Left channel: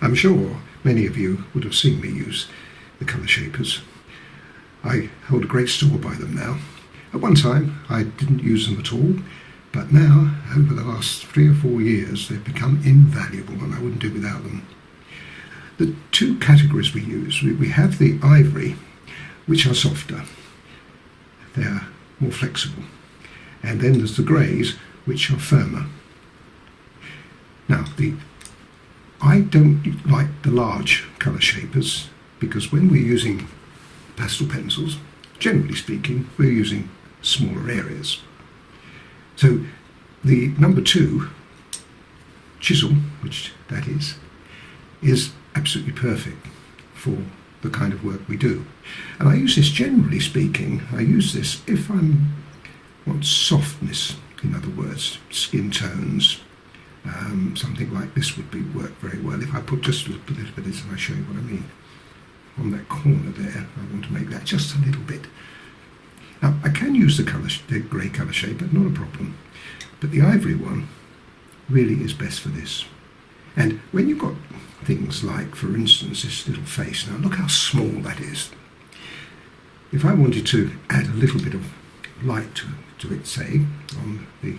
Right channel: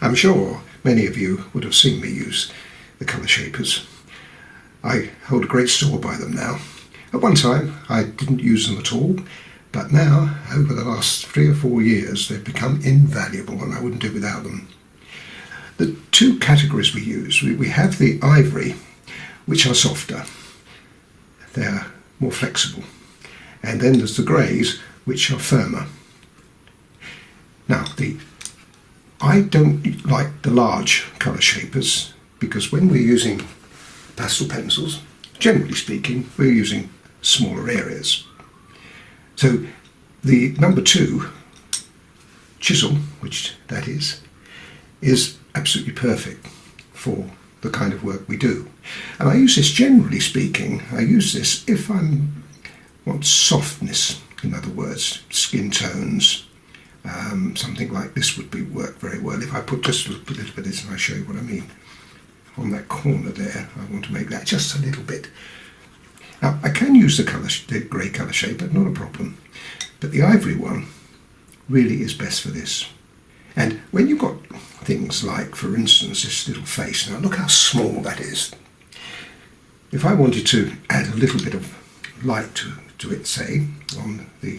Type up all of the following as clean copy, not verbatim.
I'm sure many of you would have seen me use the colour shapers. I hold a great store by them now. At one time I didn't use them at all, but now, over the last 3 or 4 years, they've become invaluable and I wouldn't do without them. The two categories we use, we have the ivory, which are softer. They're more flexible. And then there's the greys, which are firmer. Now, I don't like the large colour shapers because when we're using pastel pencils, generally speaking, we're using smaller areas. So the number 2 chisel, which that is absolutely perfect for the kind of work we do. And I use this, generally speaking, I use this if I want softness, in other words, skin tones. Something like this would work very well. If I put just a little bit of this, and I'll show you what I mean. On that corner there, I want to make that just a little bit. Now, I can use the grey colour shaper, not a problem. But the ivory one really is best for this. And when you've got things like, for instance, this little face, now look how small that is. If I wanted to add a little bit of light to it, say, on the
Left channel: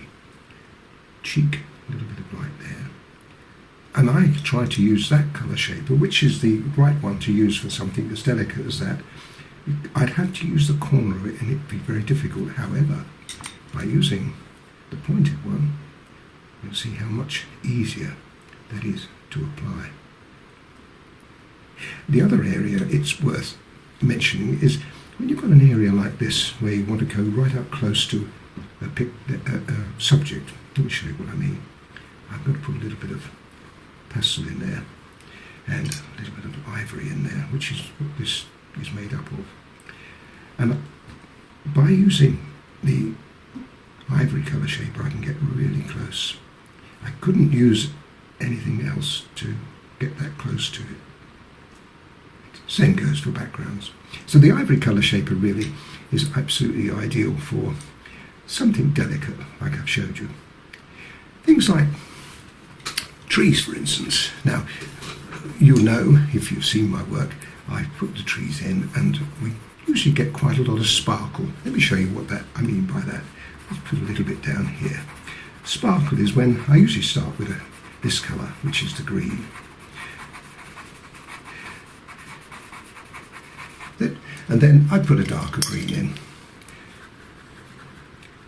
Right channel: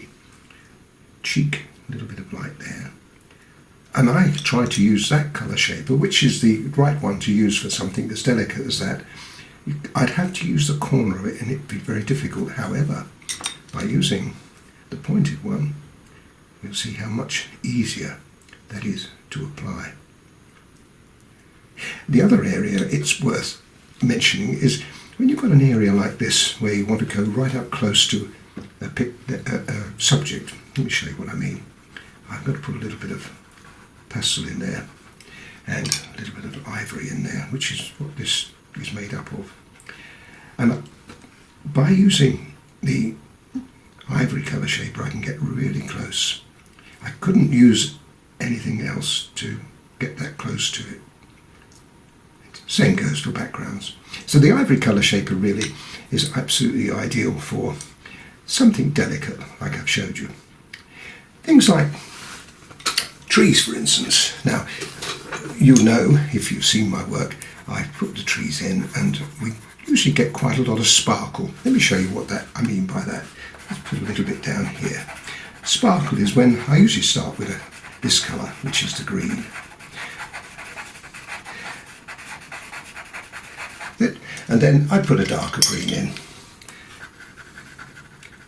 cheek, a little bit of light there, and I try to use that colour shaper, which is the right one to use for something as delicate as that, I'd have to use the corner of it and it'd be very difficult. However, by using the pointed one, you'll see how much easier that is to apply. The other area it's worth mentioning is when you've got an area like this where you want to go right up close to a subject. Let me show you what I mean. I'm going to put a little bit of pastel in there and a little bit of ivory in there, which is what this is made up of. And by using the ivory colour shaper I can get really close. I couldn't use anything else to get that close to it. Same goes for backgrounds. So the ivory colour shaper really is absolutely ideal for something delicate like I've showed you. Things like trees, for instance. Now, you'll know if you've seen my work, I put the trees in and we usually get quite a lot of sparkle. Let me show you what I mean by that. Let's put a little bit down here. Sparkle is when I usually start with this colour, which is the green. And then I put a darker green in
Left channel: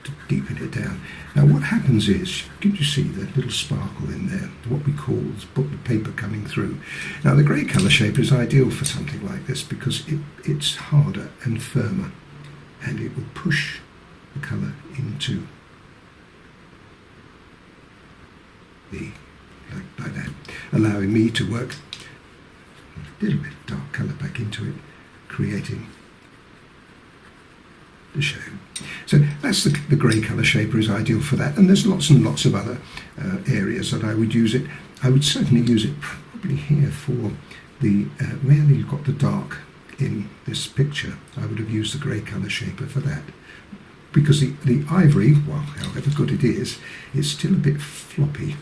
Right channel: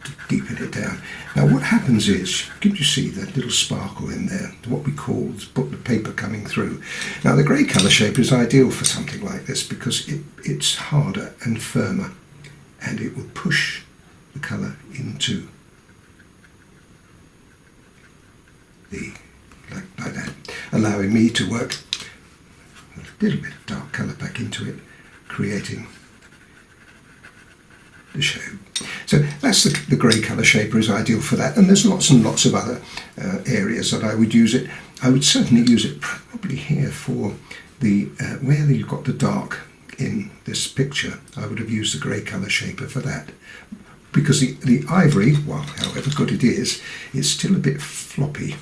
to deepen it down. Now what happens is, can you see that little sparkle in there, what we call the paper coming through. Now the grey colour shaper is ideal for something like this because it's harder and firmer and it will push the colour into like that, allowing me to work a little bit of dark colour back into it, creating the shape. So that's the grey colour shaper is ideal for that, and there's lots and lots of other areas that I would use it. I would certainly use it probably here for the where you've got the dark in this picture. I would have used the grey colour shaper for that, because the ivory, well, however good it is, it's still a bit floppy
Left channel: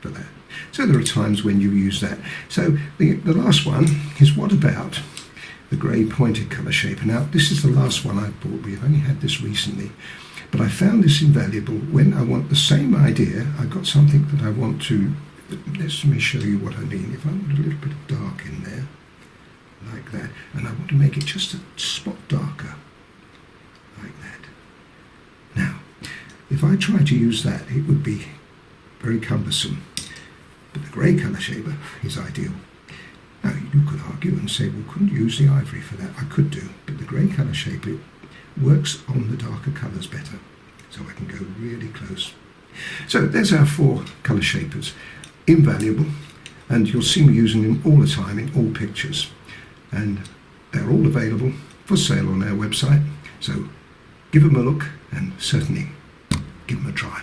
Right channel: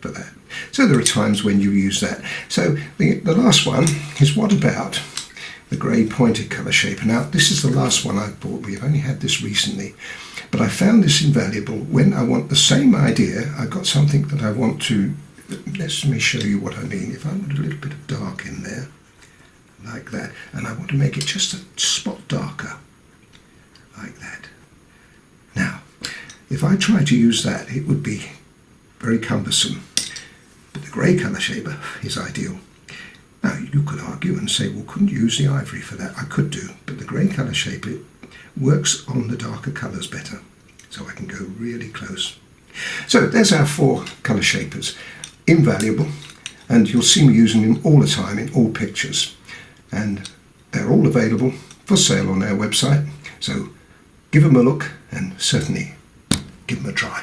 for that. So there are times when you use that. So the last one is, what about the grey pointed colour shaper? Now this is the last one I bought. We have only had this recently, but I found this invaluable when I want the same idea. I've got something that I want to, let me show you what I mean. If I want a little bit of dark in there, like that, and I want to make it just a spot darker, like that. Now, if I try to use that, it would be very cumbersome, but the grey colour shaper is ideal. Now, you could argue and say, well, couldn't you use the ivory for that? I could do, but the grey colour shaper works on the darker colours better, so I can go really close. So there's our 4 colour shapers, invaluable, and you'll see me using them all the time in all pictures, and they're all available for sale on our website, so give them a look and certainly give them a try.